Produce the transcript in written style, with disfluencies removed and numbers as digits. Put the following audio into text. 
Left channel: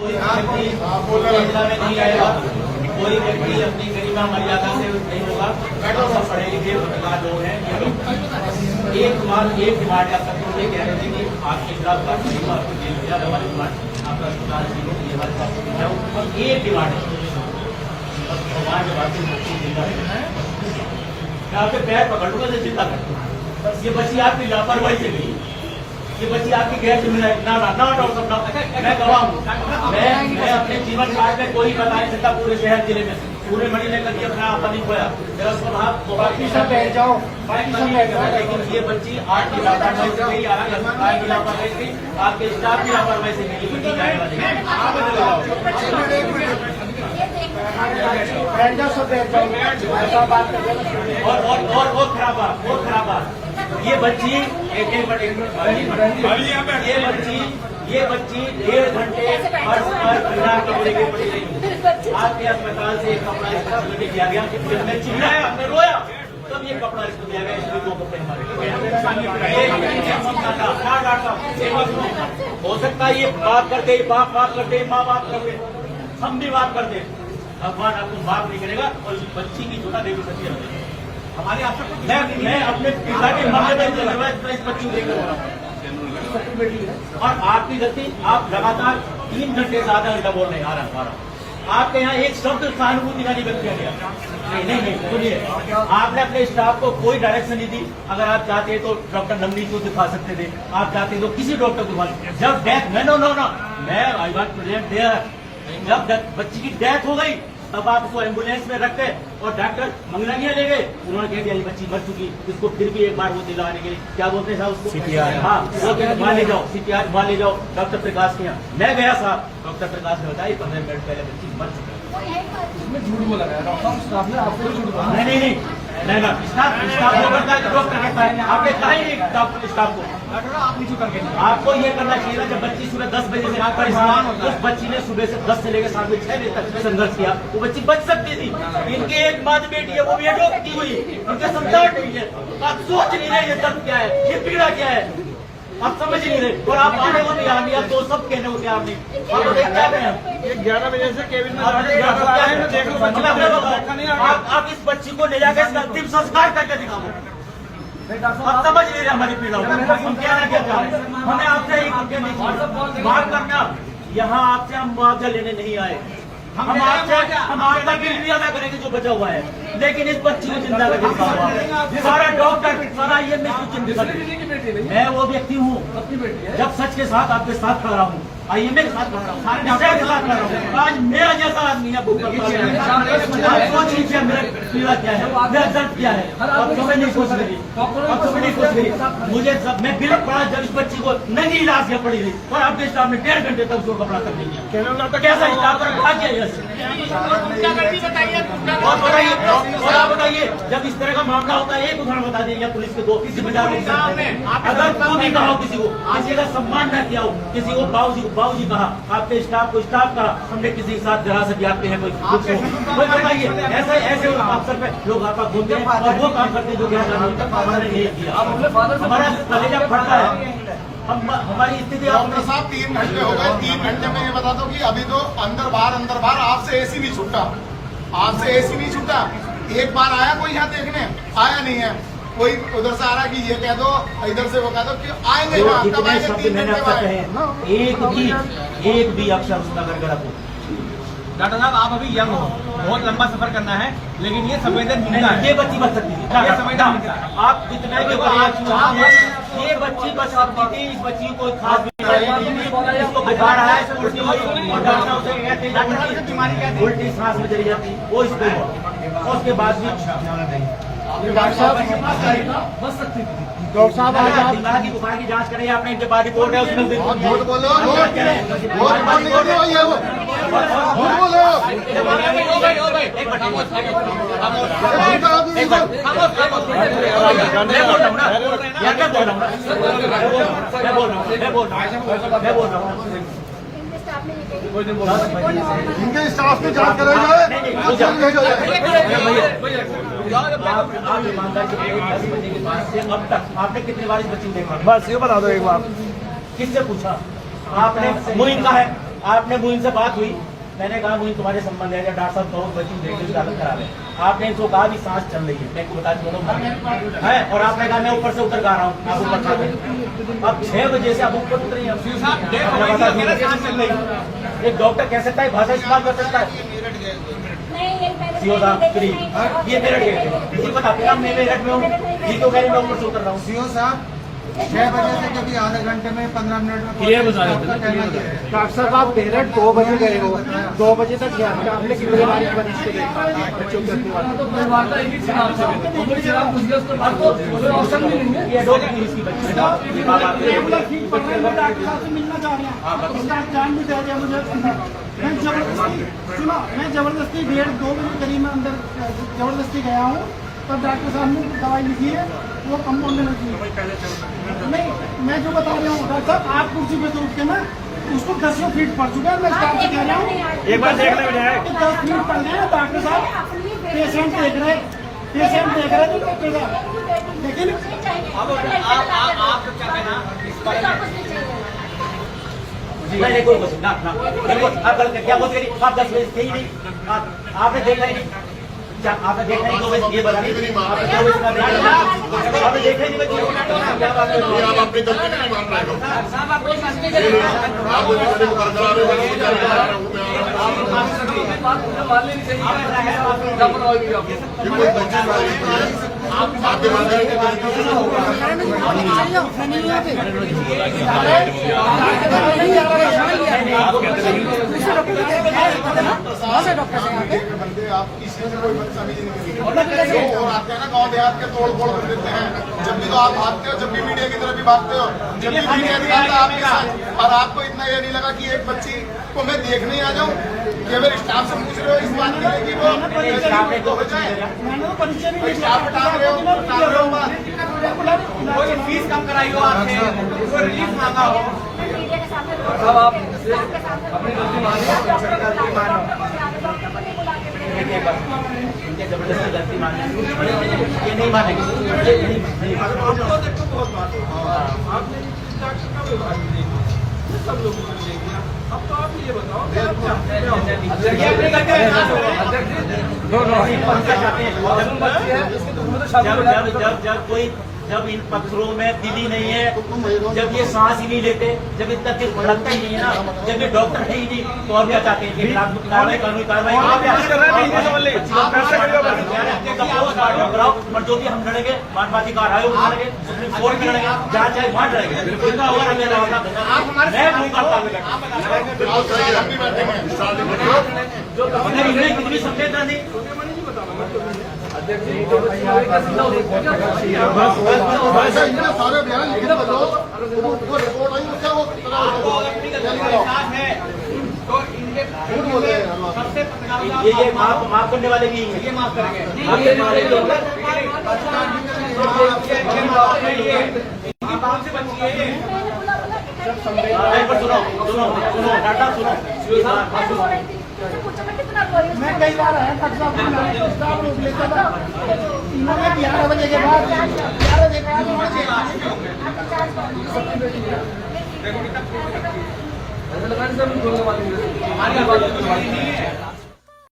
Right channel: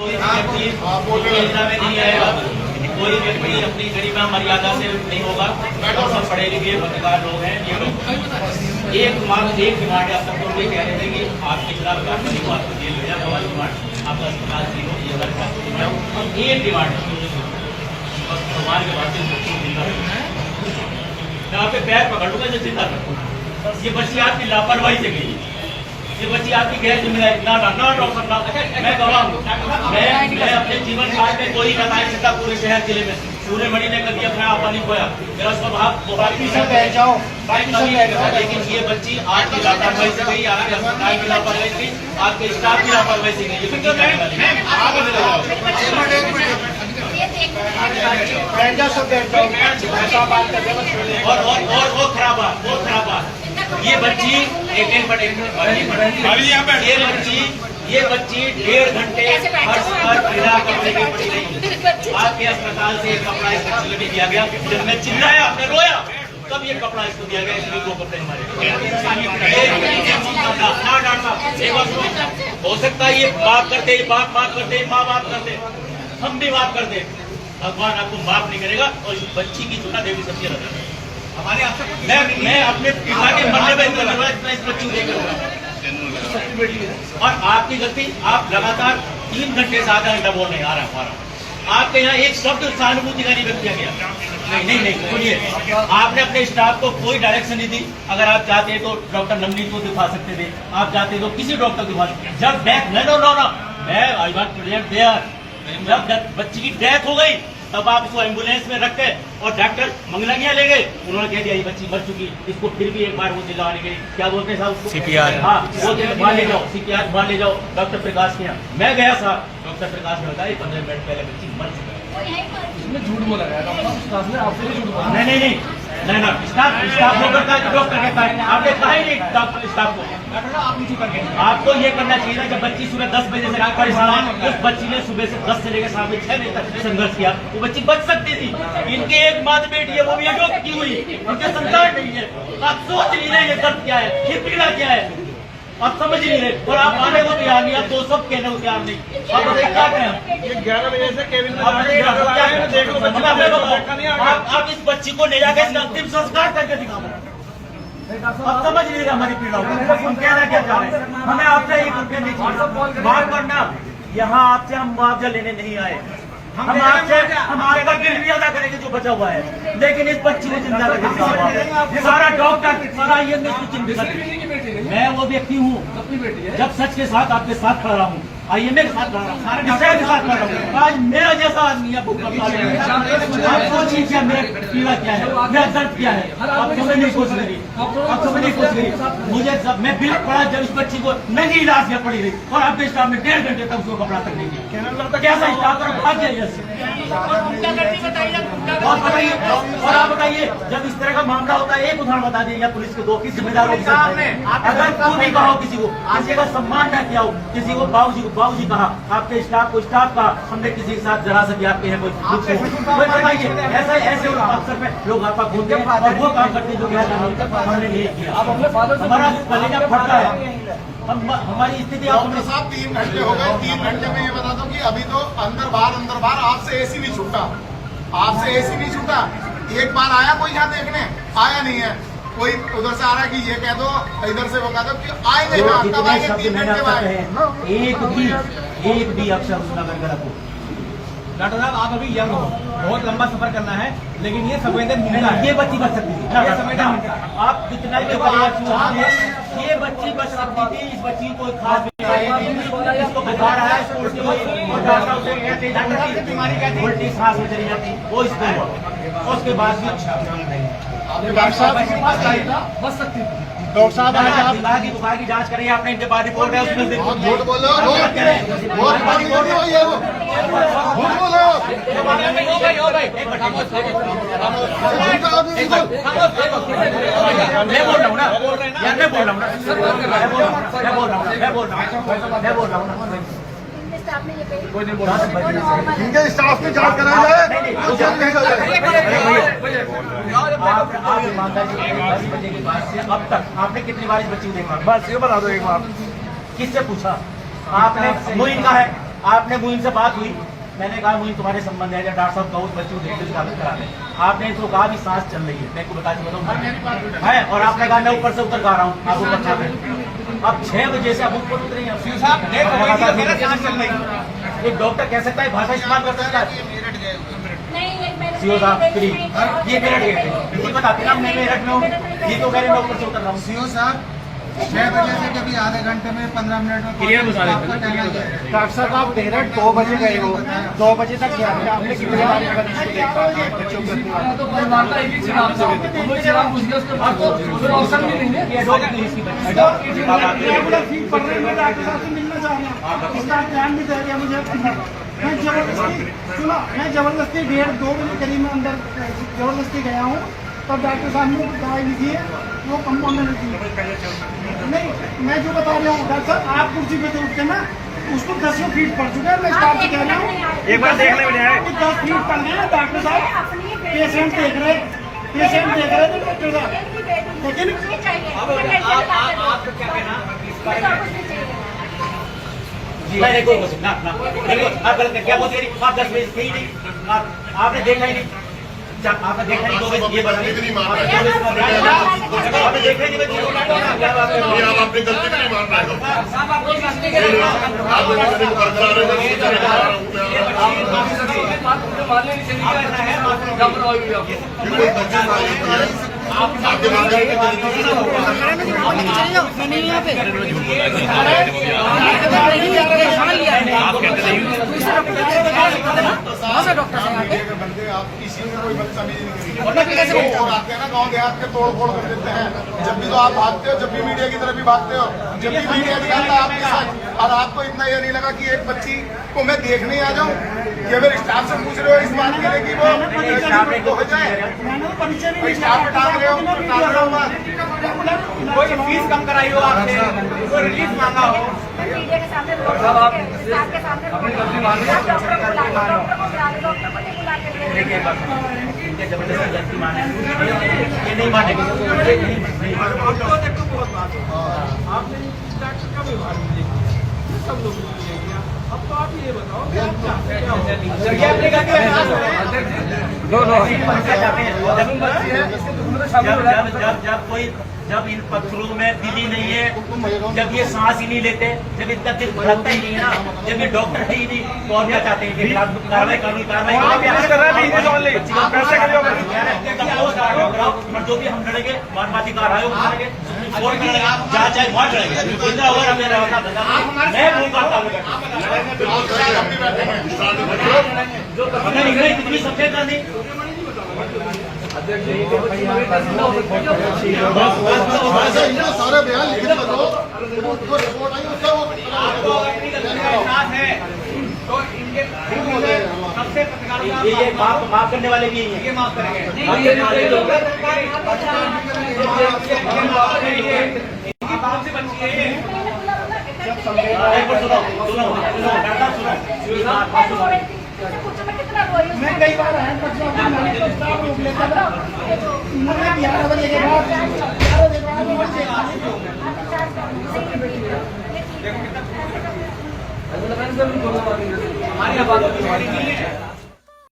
कोई व्यक्ति योजना में नहीं आएगा, कोई व्यक्ति अपनी गरिमा मर्यादा से नहीं होगा। सब पढ़े लिखे पत्रकार लोग हैं ये लोग। एक डिमांड है, अब तक तो ये कह रहे थे कि आपके खिलाफ कार्रवाई हो, आपको जेल हो जाए, हमारी डिमांड आपका अस्पताल से हो, ये हमारे साथ एक डिमांड है। भगवान के बाद मैं आपके पैर पकड़ लूंगा जो जिंदा कर। ये बच्ची आपकी लापरवाही से गई, ये बच्ची आपकी गैर जिम्मेदारी ना डॉक्टर साहब, मैं गवाह हूँ। मैं अपने जीवन काल में कोई बताया सकता पूरे शहर जिले में, पूरे मणि ने कभी अपना आपा नहीं खोया। मेरा स्वभाव लेकिन ये बच्ची आपकी लापरवाही से गई, आपके अस्पताल की लापरवाही से गई, आपके स्टाफ की लापरवाही से गई। और खराब बात, ये बच्ची ये बच्ची 1.5 घंटे बिना कपड़े के पड़ी रही। आपके अस्पताल से एक कपड़ा इस बच्ची को दिया गया, जब मैं चिल्लाया, आपने रोया, तब ये कपड़ा इसको दिया गया। इसलिए 2 कपड़े हमारे। हो सकता है ये बात करते, बाप बात करते, माँ बात करते, हम भी बात करते, भगवान आपको माफ नहीं करेगा। और इस बच्ची की चुना देवी सच्ची रहता है हमारे आपसे। मैं अपने पिता के मरने में इस बच्ची को लेकर और आपकी गलती, आप लगातार 3 घंटे से आधा घंटा बोल रहे हैं। आ रहा आपके यहाँ एक शब्द सहानुभूति का नहीं व्यक्त किया गया। नहीं सुनिए, आपने अपने स्टाफ को कोई डायरेक्शन नहीं दी। अगर आप चाहते तो डॉक्टर नवनीत को दिखा सकते थे, आप चाहते तो किसी डॉक्टर को दिखा सकते। जब डेथ नो मैं आई वांट प्रेजेंट देयर, जब बच्ची की डेथ हो गई तब आप उसको एम्बुलेंस में रख के और डॉक्टर मंगलंगिया ले गए। उन्होंने कह दिया ये बच्ची मर चुकी, इसको फिर भी एक बार वो दिलवाने के लिए क्या बोलते हैं साहब उसको, CPR। हाँ, वो वहाँ ले जाओ, CPR वहाँ ले जाओ डॉक्टर प्रकाश के यहाँ। मैं गया साहब, डॉक्टर प्रकाश ने बताया 15 मिनट पहले बच्ची मर चुकी है। इसमें झूठ बोला गया डॉक्टर स्टाफ ने, आपसे भी झूठ बोला। नहीं स्टाफ को करता है, डॉक्टर कहता है, आपने कहा ही नहीं डॉक्टर स्टाफ को। आप नीचे करके आपको ये करना चाहिए था। जब बच्ची सुबह 10 बजे से परेशान, उस बच्ची ने सुबह से 10 से लेकर शाम में 6 बजे तक संघर्ष किया, वो बच्ची बच सकती थी। इनकी एक माँ बेटी है, वो भी अडॉप्ट की हुई, इनके संतान नहीं है। आप सोच नहीं रहे ये दर्द क्या है, ये पीड़ा क्या है, आप समझ नहीं रहे। और आप आने को तैयार नहीं, आप तो सब कहने को तैयार नहीं। आप बताइए क्या करें? 11 बजे से केविन आप इस बच्ची को ले जाकर इसका अंतिम संस्कार करके दिखाओ। आप समझ नहीं रहे हमारी पीड़ा, हम क्या रहे क्या चाह रहे। हमें आपसे ही बात करना, यहाँ आपसे हम मुआवजा लेने नहीं आए। हम आपका बिल भी अदा करेंगे जो बचा हुआ है, लेकिन इस बच्ची को जिंदा करके सारा डॉक्टर सारा ये चिंता। मैं वो व्यक्ति हूँ जब सच के साथ आपके साथ खड़ा हूँ, IMA के साथ खड़ा हूँ, सारे डॉक्टर के साथ खड़ा हूँ। आज मेरा जैसा आदमी आपको पीड़ा क्या है, मेरा दर्द क्या है, आप समझ नहीं सोच रही, मुझे मैं बिल पड़ा जब इस बच्ची को नंगी इलाज में पड़ी रही और आपके स्टाफ में 1.5 घंटे तक उसको कपड़ा तक नहीं दिया। कैसा स्टाफ पर बताइए। और आप बताइए, जब इस तरह का मामला होता है, एक उदाहरण बता दीजिए पुलिस के 2 जिम्मेदारों के साथ में। अगर खुद ही कहा किसी को, किसी का सम्मान न किया हो, किसी को बाबूजी कहा, आपके स्टाफ को स्टाफ कहा, हमने किसी के साथ जरा सा आपके हैं कोई बताइए। ऐसे अवसर पे लोग आपका घूमते हैं और वो काम करते हैं जो हमने नहीं किया। हमारा कलेजा फटता है, हमारी स्थिति। डॉक्टर साहब 3 घंटे हो गए, 3 घंटे में ये बता दो कि अभी तो अंदर बाहर आपसे AC नहीं छूटा, एक बार आया कोई यहाँ देखने, आया नहीं है। कोई उधर से आ रहा है कि ये कह दो, इधर से वो कह दो कि आएंगे कब आएंगे। 3 घंटे बाद एक भी अक्षर उसका गड़गड़ा हो। डॉक्टर साहब आप अभी यंग हो, बहुत लंबा सफर करना है, लेकिन ये संवेदनशील है। ये बच्ची बच सकती थी, ये संवेदन आप जितना भी ये बच्ची बच सकती थी। इस बच्ची को कोई खास बीमारी नहीं, इसको बुखार आया, और डॉक्टर उल्टी सांस में चली जाती, वो इसको हुआ। उसके बाद भी डॉक्टर साहब बच सकती थी। डॉक्टर साहब आज आप बुखार की जांच करें, आपने इनके बाद रिपोर्ट है उसमें मैं बोल रहा हूँ ना यार, मैं बोल रहा हूँ ना इनके स्टाफ में जांच कराई जाए। आप ईमानदारी से 10 बजे के बाद से अब तक आपने कितनी बार इस बच्ची को देखा? बस ये बता दो एक बार। किससे पूछा आपने? मुइन का है, आपने मुइन से बात हुई, मैंने कहा मुइन तुम्हारे संबंध है, या डॉक्टर साहब कहो बच्ची को देखते हालत करा ले। आपने इनको कहा भी सांस चल रही है, मैं को बता दूं है, और आपने कहा मैं ऊपर से उतर गा रहा हूँ, आप ऊपर चल रहे। अब 6 बजे से आप ऊपर उतरे हैं। एक डॉक्टर कह सकता है, भाषा इस्तेमाल कर सकता है। सीओ साहब फ्री, ये मेरठ गेट है, ये बताते ना मैं मेरठ में हूँ, ये तो कह रहे मैं ऊपर से उतर रहा हूँ। सीओ साहब 6 बजे से कभी आधे घंटे में 15 मिनट में डॉक्टर साहब आप मेरठ 2 बजे गए हो, 2 बजे तक क्या था आपने? कितने बार इस मरीज को देखा बच्चों के मैं जबरदस्ती 1:30-2 बजे करीब में अंदर जबरदस्ती गया हूँ, तब डॉक्टर साहब ने दवाई लिखी है, वो कंपाउंड में लिखी नहीं। मैं जो बता रहा हूँ डॉक्टर साहब, आप कुर्सी पे तो उठते ना, उसको 10 फीट पड़ चुका है। मैं स्टाफ से कह रहा हूँ एक बार देखने में आया 10 फीट पड़ गया डॉक्टर साहब, पेशेंट देख रहे थे डॉक्टर साहब, लेकिन नहीं कोई कुछ ना ना आप गलत क्या बोलते हैं? आप 10 बजे थे ही नहीं, आपने देखा ही नहीं, आपने देखा ही 2 बजे, ये बता आपने देखा ही नहीं, क्या बात कर रहे हो? आप अपनी गलती नहीं मान रहे हो। आपके कोई बदतमीजी नहीं और आते हैं ना गाँव देहात के तोड़ फोड़ कर देते हैं। जब भी तो आप भागते हो, जब भी मीडिया की तरफ भी भागते हो, जब भी मीडिया दिखाता है आपके साथ, और आपको इतना ये नहीं लगा कि एक बच्ची को मैं देखने आ जाऊं, कि फिर स्टाफ से पूछ रहे हो इस बात के लिए कि वो हो जाए, मैंने तो परिचय नहीं स्टाफ पे टांग रहे हो बात। कोई फीस कम कराई हो आपने, कोई रिलीफ मांगा हो, मीडिया के सामने अपनी गलती मान देखिए एक बात इनके जबरदस्ती गलती माने, ये नहीं मानेंगे, सब लोग। अब तो आप ये बताओ कि आप जब कोई जब इन पत्थरों में दिली नहीं है, जब ये सांस ही नहीं लेते, जब इनका दिल धड़कता ही नहीं है ना, जब ये डॉक्टर है ही नहीं, तो और क्या चाहते हैं? कानूनी कार्रवाई कराओ, और जो भी हम लड़ेंगे मानवाची का राय उठा लेंगे, सुप्रीम कोर्ट में लड़ेंगे, जहाँ चाहे वहाँ लड़ेंगे, जिंदा हुआ ना मेरा होता मैं घूम करता हूँ कितनी संवेदना नहीं। सारे बयान लिखने बताओ, वो रिपोर्ट आई उसका वो आपको अगर अपनी गलती के साथ है तो इनके सबसे ये माफ करने वाले भी हैं, ये माफ करेंगे, इनकी बात से बचिए। सुनो मैं कई बार आया डॉक्टर साहब तो स्टाफ रोक लेता था, इन्होंने 11 बजे के बाद हमारी आवाज नहीं है।